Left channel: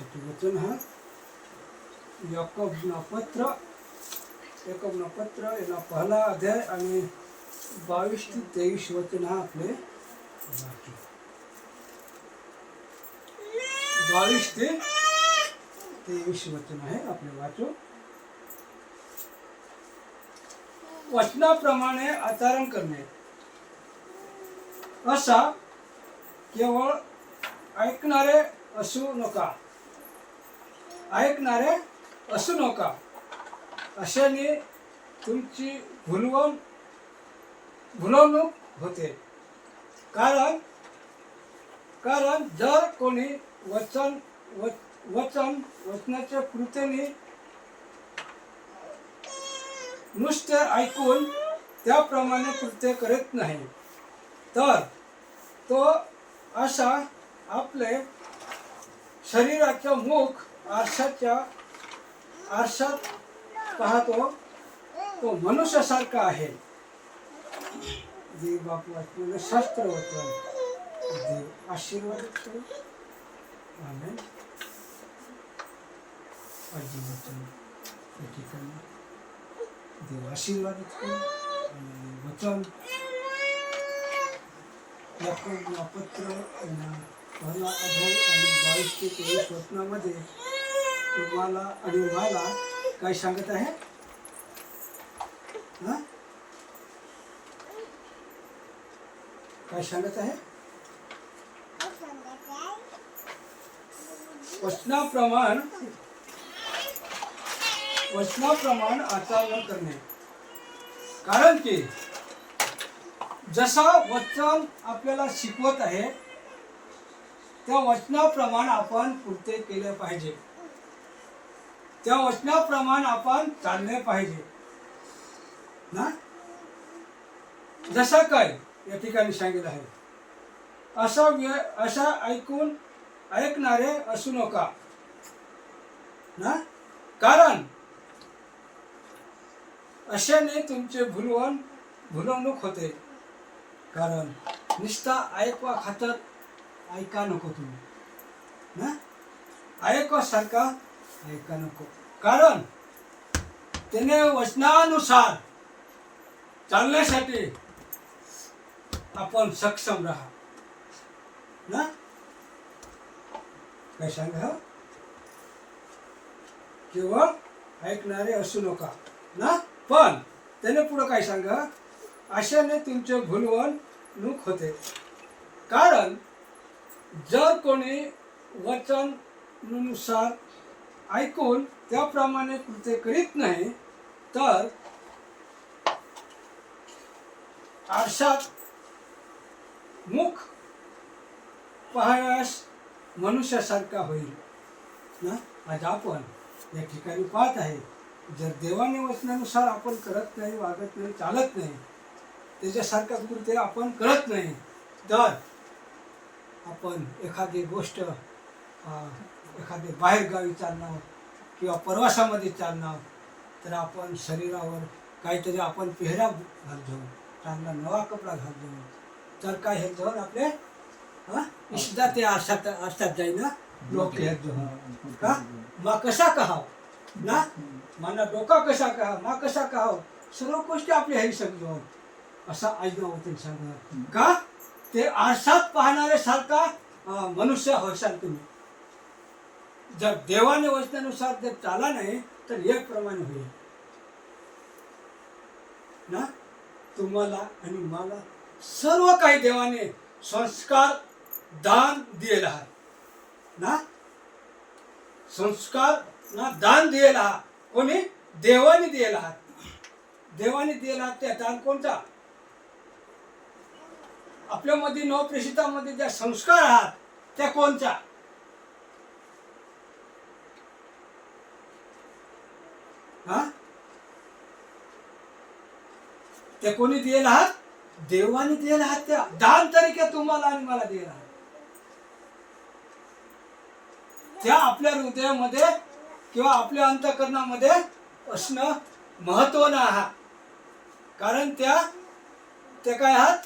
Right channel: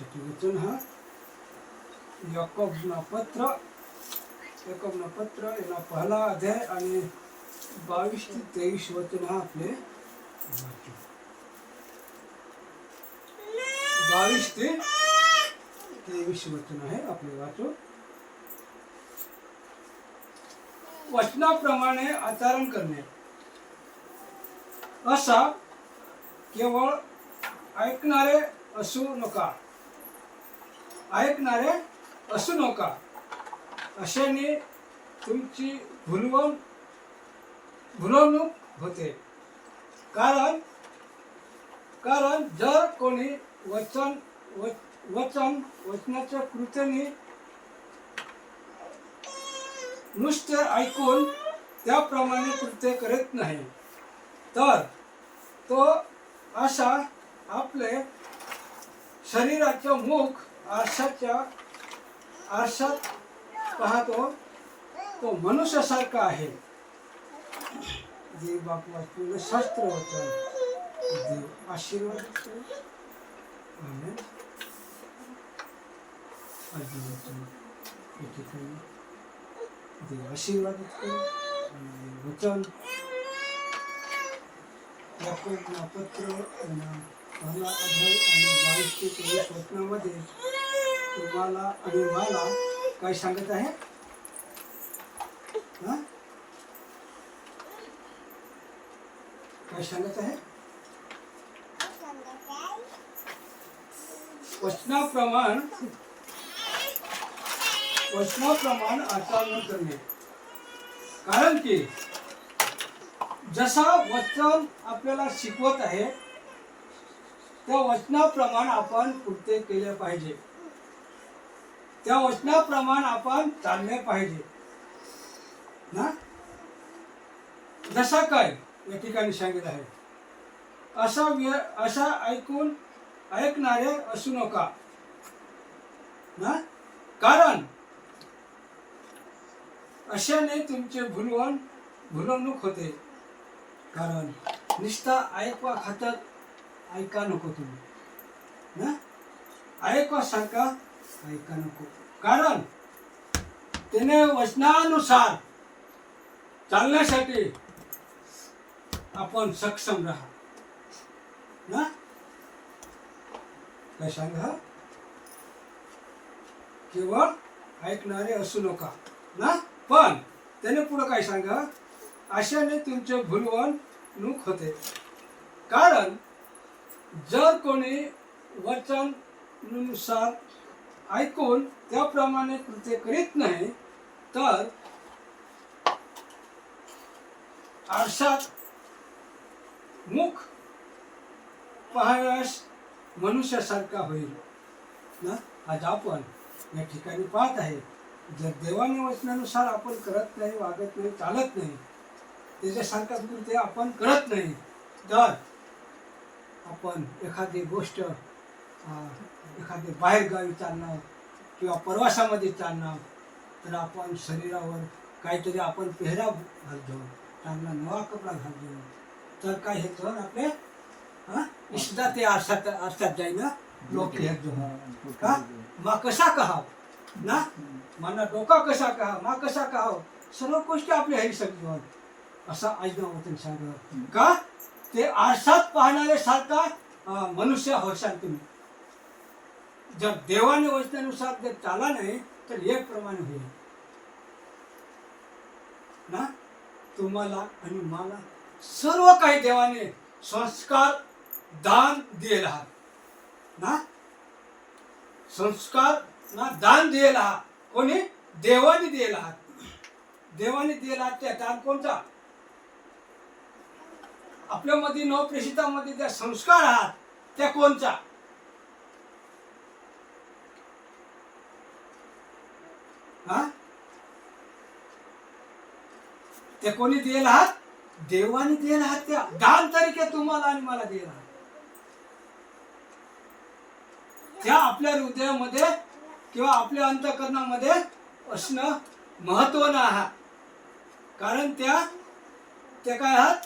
वर्षाचे वचन हा याकोबना पत्र याला पहिला अध्याय आणि 22 ते 23 वचन हा आपले वाचू. 22 ते 23 वचन आहे आपले वाचू. वचनाप्रमाणे आचरण करणे असा केवळ ऐकणारे असू नका अशाने तुमची भुलवणूक होते. कारण जर कोणी वचनाच्या कृतीने नुसते ऐकून त्याप्रमाणे कृत्य करत नाही तर तो असा आपले शरीराचे मुख आरशात पाहतो तो मनुष्यासारखा आहे. देव बापू आपल्याला शास्त्र वचन देव आशीर्वाद करो. आमेन. आजी वचन या ठिकाणी देव आशीर्वाद करो. वचन याकोबना पत्र पहिला अध्याय आणि 22 ते 23 वचनामध्ये तुम्हाला आणि मला काय सांगत आहे? काय सांगत आहे? वचनाप्रमाण आचरण करणे. कारण की जसा वचन आपल्याला शिकवत आहे त्या वचनाप्रमाणे आपण कृत्य केले पाहिजे. त्या वचनाप्रमाणे आपण चालले पाहिजे ना. जसा काय या ठिकाणी सांगितलं आहे असा ऐकणारे असू नका ना. कारण अशाने तुमचे भुलवणूक होते. कारण निष्ठा ऐकवा खातर ऐका नको तुम्ही ना. ऐकवा सारखा ऐका नको. कारण त्याने वचनानुसार चालण्यासाठी आपण सक्षम राहा ना. काय सांगा? केवळ ऐकणारे असू नका ना. पण त्याने पुढे काय सांगा? अशाने तुमचे भुलवणूक होते. कारण जर कोणी वचनानुसार ऐकून त्याप्रमाणे कृत्य करीत नाही तर आरशात मुख पाहण्यास मनुष्यासारखा होईल ना. आज आपण या ठिकाणी पाहत आहे जर देवाने वचनानुसार आपण करत नाही, वागत नाही, चालत नाही, त्याच्यासारखा कृत्य आपण करत नाही तर आपण एखादी गोष्ट एखादी बाहेरगावी चालणार किंवा प्रवासामध्ये चालणार तर आपण शरीरावर काहीतरी आपण पेहराव घालतो, चांगला नवा कपडा घालतो तर काय हे दोन आपले इष्टा ते आरशात जाईल ना. लोक हे का मा कसा कहाव ना, माना डोका कसा कहा, मा कसा कहाव, सर्व गोष्टी आपल्या हे सगळं असा आईना वचन सांगणार का. ते आरशात पाहणारे सारखा मनुष्य होशाल तुम्ही. जर देवाने वचनानुसार जर चाला नाही तर एक प्रमाणे होईल ना. तुम्हाला आणि मला सर्व काही देवाने संस्कार दान दिलेला आहे ना. संस्कार ना दान दिलेला आहे. कोणी? देवाने दिलेला आहे. देवाने दिलेला त्या दान कोणता? आपल्यामध्ये नवप्रेषितामध्ये ज्या संस्कार आहात त्या कोणत्या? ते कोणी दिलेला आहात? देवाने दिलेला आहात. त्या दान तरीके तुम्हाला आणि मला दिलेला आहे. त्या आपल्या हृदयामध्ये किंवा आपल्या अंतःकरणामध्ये असणं महत्त्वानं आहे. कारण त्या काय आहात?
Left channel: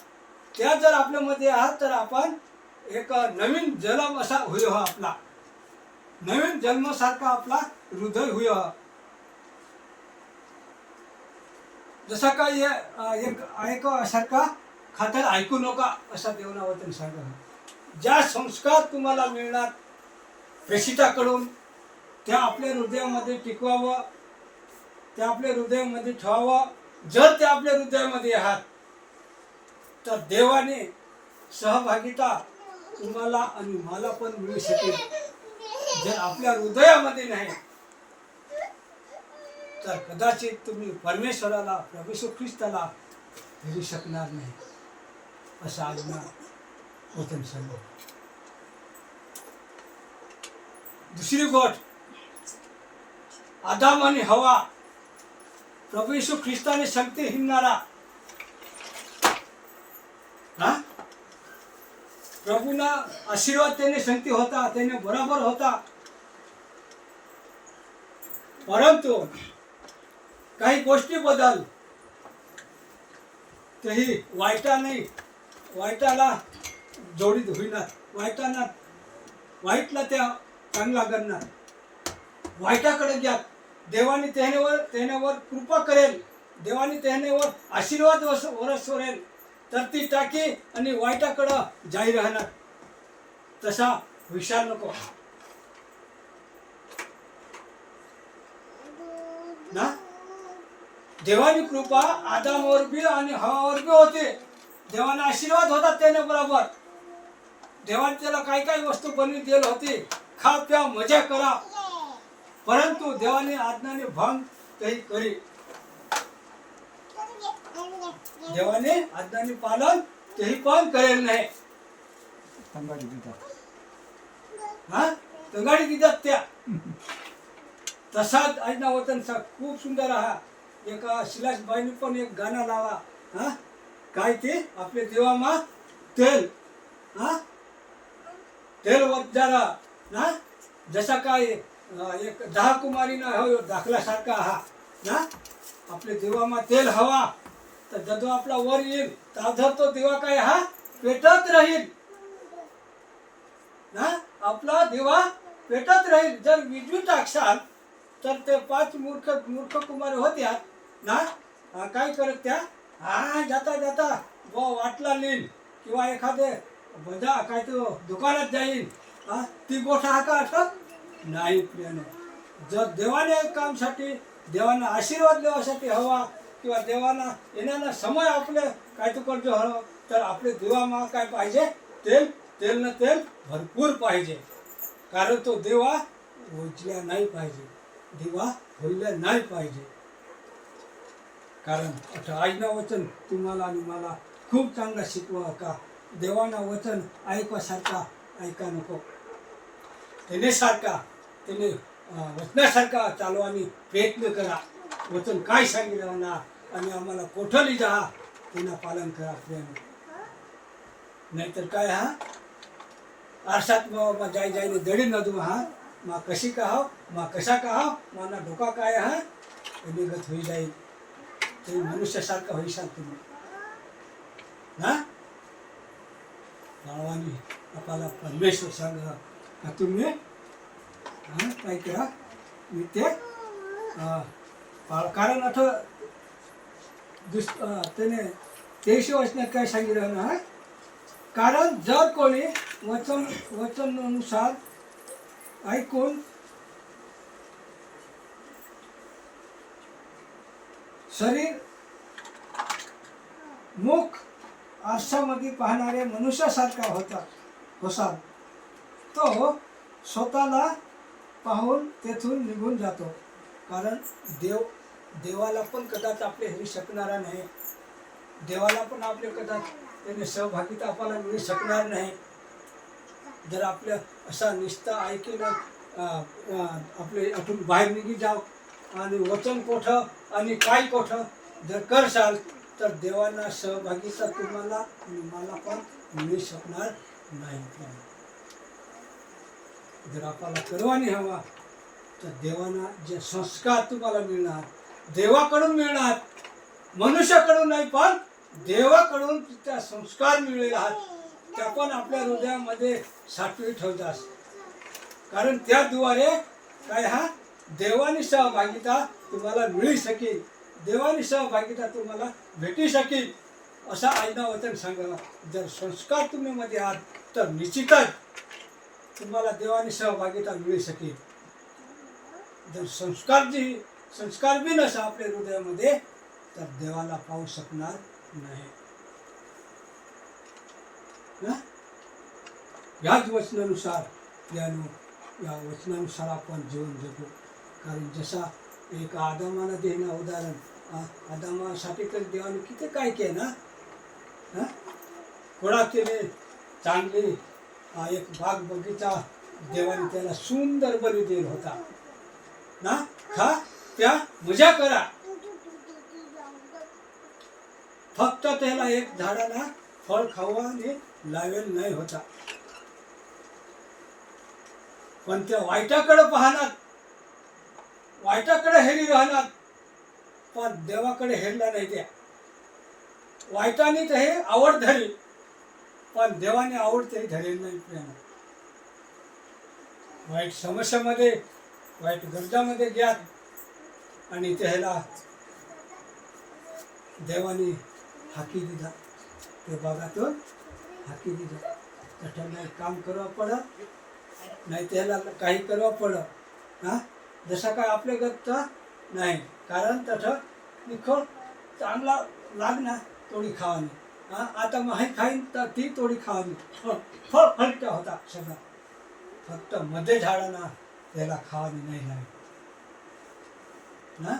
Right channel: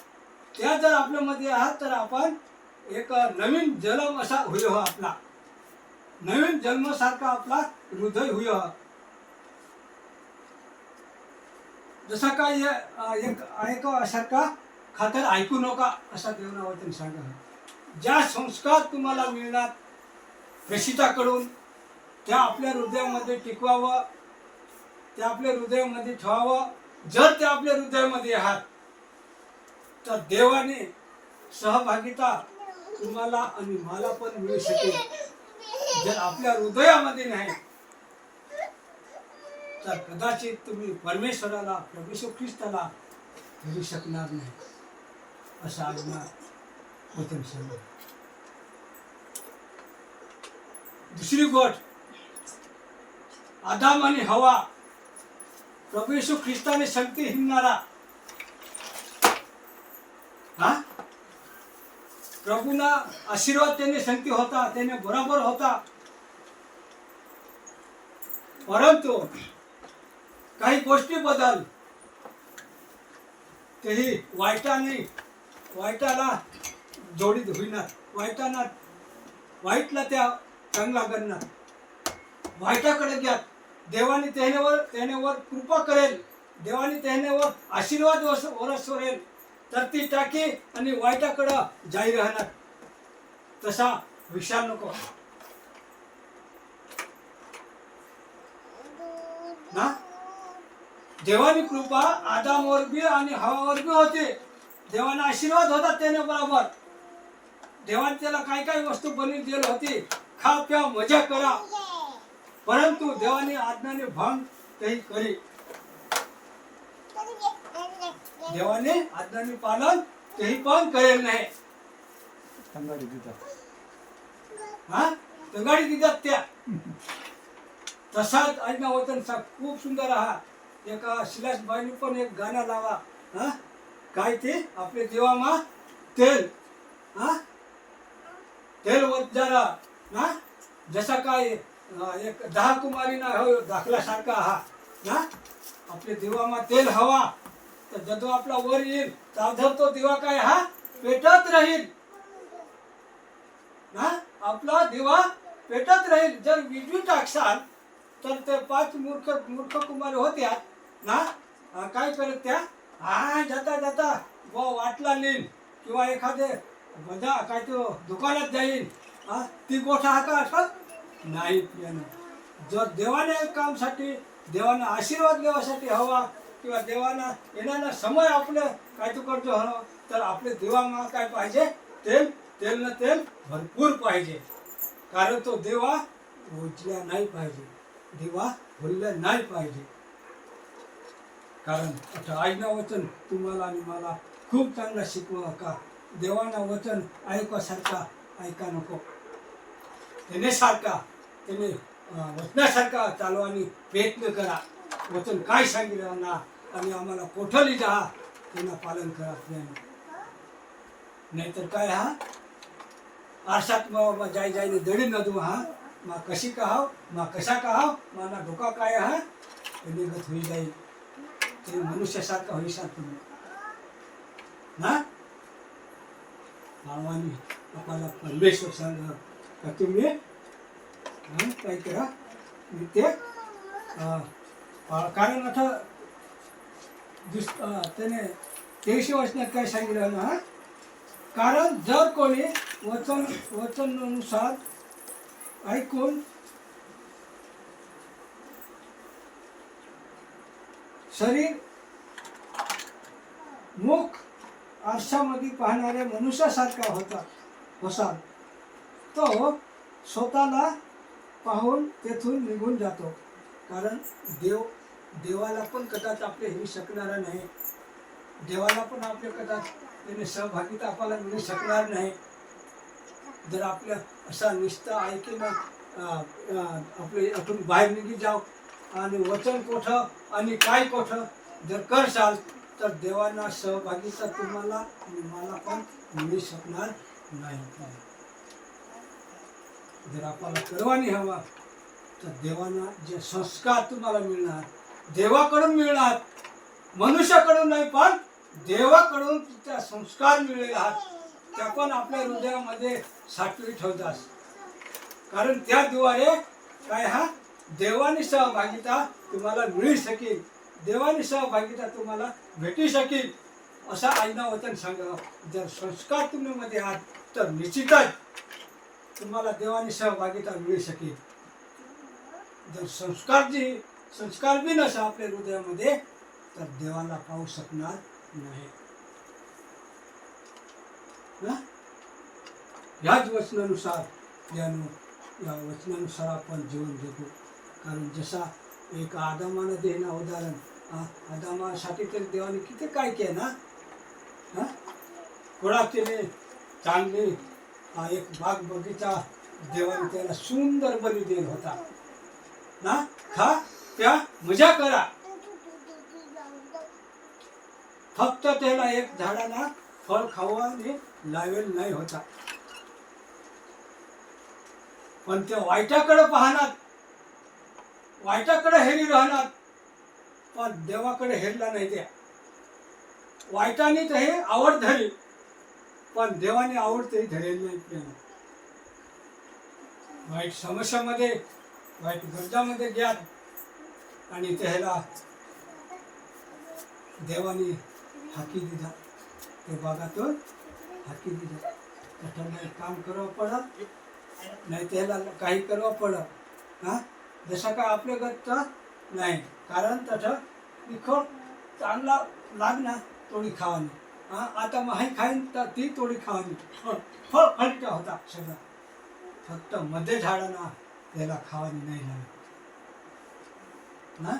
त्या जर आपल्यामध्ये आहात तर आपण एक नवीन जन्म असा होईल आपला नवीन जन्मासारखा आपला हृदय होय. जसा काय एक ऐकासारखा खातर ऐकू नका असा देवाना वचन सांगा. ज्या संस्कार तुम्हाला मिळणार प्रेषिताकडून त्या आपल्या हृदयामध्ये टिकवावं, त्या आपल्या हृदयामध्ये ठेवावं. जर ते आपल्या हृदयामध्ये आहात तर देवाने सहभागिता तुम्हाला आणि मला पण मिळू शकेल. जर आपल्या हृदयामध्ये नाही तर कदाचित तुम्ही परमेश्वराला, प्रभू येशू ख्रिस्ताला भेटू शकणार नाही असं आज्ञा वचन सांगा. दुसरी गोष्ट, आदाम आणि हवा, प्रभू येशू ख्रिस्ताने शक्ती हिंडणारा, हा प्रभूना आशीर्वाद त्याने शक्ती होता, त्याने बरोबर होता. परंतु काही गोष्टी बदल तेही वाईटाला जोडीत होईनात. वाईटला त्या चांगला करणार. वाईटाकडे घ्या. देवाने त्यानेवर कृपा करेल, देवाने त्यानेवर आशीर्वाद वरसवेल तर ती टाकी आणि वाईटाकडं जाई राहणार. तसा विचार नको ना. देवानी कृपा आदामवर बी आणि हवावर बी होती. देवाने आशीर्वाद होता त्याने बरोबर. देवाने त्याला काय काय वस्तू बनवून दिली होती, खा प्या मजा करा. परंतु देवाने आज्ञाने भंग तेही करी. देवाने आज्ञाने पालन तेही पण करेल नाही. तंगाडी दितात त्या. तसाच आज्ञा वचन खूप सुंदर हा. एका शिलासबाईने पण एक गाणं लावा. काय ते आपले देवामा तेल तेल वत जरा ना. जसा काय एक 10 कुमारीना हो दाखल्यासारखा हा ना. आपले देवामा तेल हवा तर जदो आपला वर येईल तर तो दिवा काय हा पेटत राहील ना. आपला दिवा पेटत राहील. जर विजू टाकसाल तर ते 5 मूर्ख कुमारी होत्या ना. काय करत त्या जाता जाता वाटला नेईल किंवा एखादे बजा काय तो दुकानात जाईल. ती गोष्ट हा का आठवत नाही प्रियानो. जर देवाने कामसाठी, देवाना आशीर्वाद देवासाठी हवा किंवा देवाना येणारा समय आपले काय तू करतो हवं तर आपले देवा काय पाहिजे, तेल भरपूर पाहिजे. कारण तो देवा उजल्या नाही पाहिजे, दिवा होईला नाही पाहिजे. कारण आता आज्ञा वचन तुम्हाला आणि मला खूप चांगला शिकवा का. देवाना वचन ऐकवासारखा ऐका नको. त्याने वचनासारखा चालवानी प्रयत्न करा. वचन काय सांगितलं ना आणि आम्हाला कोठली जा त्यांना पालन करा प्रेम. नाहीतर काय आरसात जाईने दडी न देऊ मा कशी का मा कशा का माना धोका काय निगत होई जाईल. तुम्ही मनुष्यासारखा होईसाल तुम्ही ना. नावाने आपल्याला परमेश्वर सांग का तुम्ही काय करा मी ते कारण आता त्याने 23 वचनात काय सांगितलं ना. कारण जर कोणी वचनानुसार ऐकून शरीर मुख आरशामध्ये पाहणाऱ्या मनुष्यासारखा होसाल तो स्वतःला पाहून तेथून निघून जातो. कारण देवाला पण कदाचित आपले हे शकणारा नाही. देवाला पण आपले कदाचित त्याने सहभागिता आपल्याला मिळू शकणार नाही. जर आपल्या असा निष्ठा ऐकून आपले आपण बाहेर निघी जाऊ आणि वचन कोठं आणि काय कोठं जर करसाल तर देवांना सहभागिता तुम्हाला आणि मला पण मिळू शकणार नाही. जर आपल्याला परवानी हवा तर देवांना जे संस्कार तुम्हाला मिळणार देवाकडून मिळणार, मनुष्याकडून नाही पण देवाकडून त्या संस्कार मिळलेले आहात त्या पण आपल्या हृदयामध्ये साठवी ठेवतात. कारण त्याद्वारे काय हा देवानी सहभागिता तुम्हाला मिळू शकेल, देवानी सहभागिता तुम्हाला भेटू शकेल असा आईना वचन सांगा. जर संस्कार तुम्ही मध्ये आहात तर निश्चितच तुम्हाला देवानी सहभागिता मिळू शकेल. जर संस्कार बी नसा आपल्या हृदयामध्ये तर देवाला पाहू शकणार नाही ना. याच वचनानुसार या वचनानुसार आपण जीवन जगू. कारण जसा एक आदामानं देणं उदाहरण, आदामासाठी तर देवाने किती काय केलं ना. कोणाचे चांगले एक बाग बगीचा देवाने त्याला सुंदर बली दिला होता ना. खा त्या मजा करा, फक्त त्याला एक झाडाला फळ खावाने लावेल नाही होता. पण त्या वाईटाकडे पाहणार, वाईटाकडे हेरी राहणार, पण देवाकडे हेरला नाही. त्या वाईटाने तर हे आवड धरली पण देवाने आवड तरी धरेल नाही. प्रेम वाईट समस्यामध्ये, वाईट गरजामध्ये घ्यात आणि त्याला देवाने हाकी दिला, ते बघातून हाकी दिला. त्याला काम करावं पडत नाही, त्याला काही करावं पडत हा. जसं काय आपल्या गरजचा नाही, कारण तसं निखळ चांगला लागणार थोडी खावानी. आता माही खाईन तर ती थोडी खावानी, फळ फलटा होता सगळा. फक्त मध्ये झाडांना त्याला खावानी नाही लागली ना.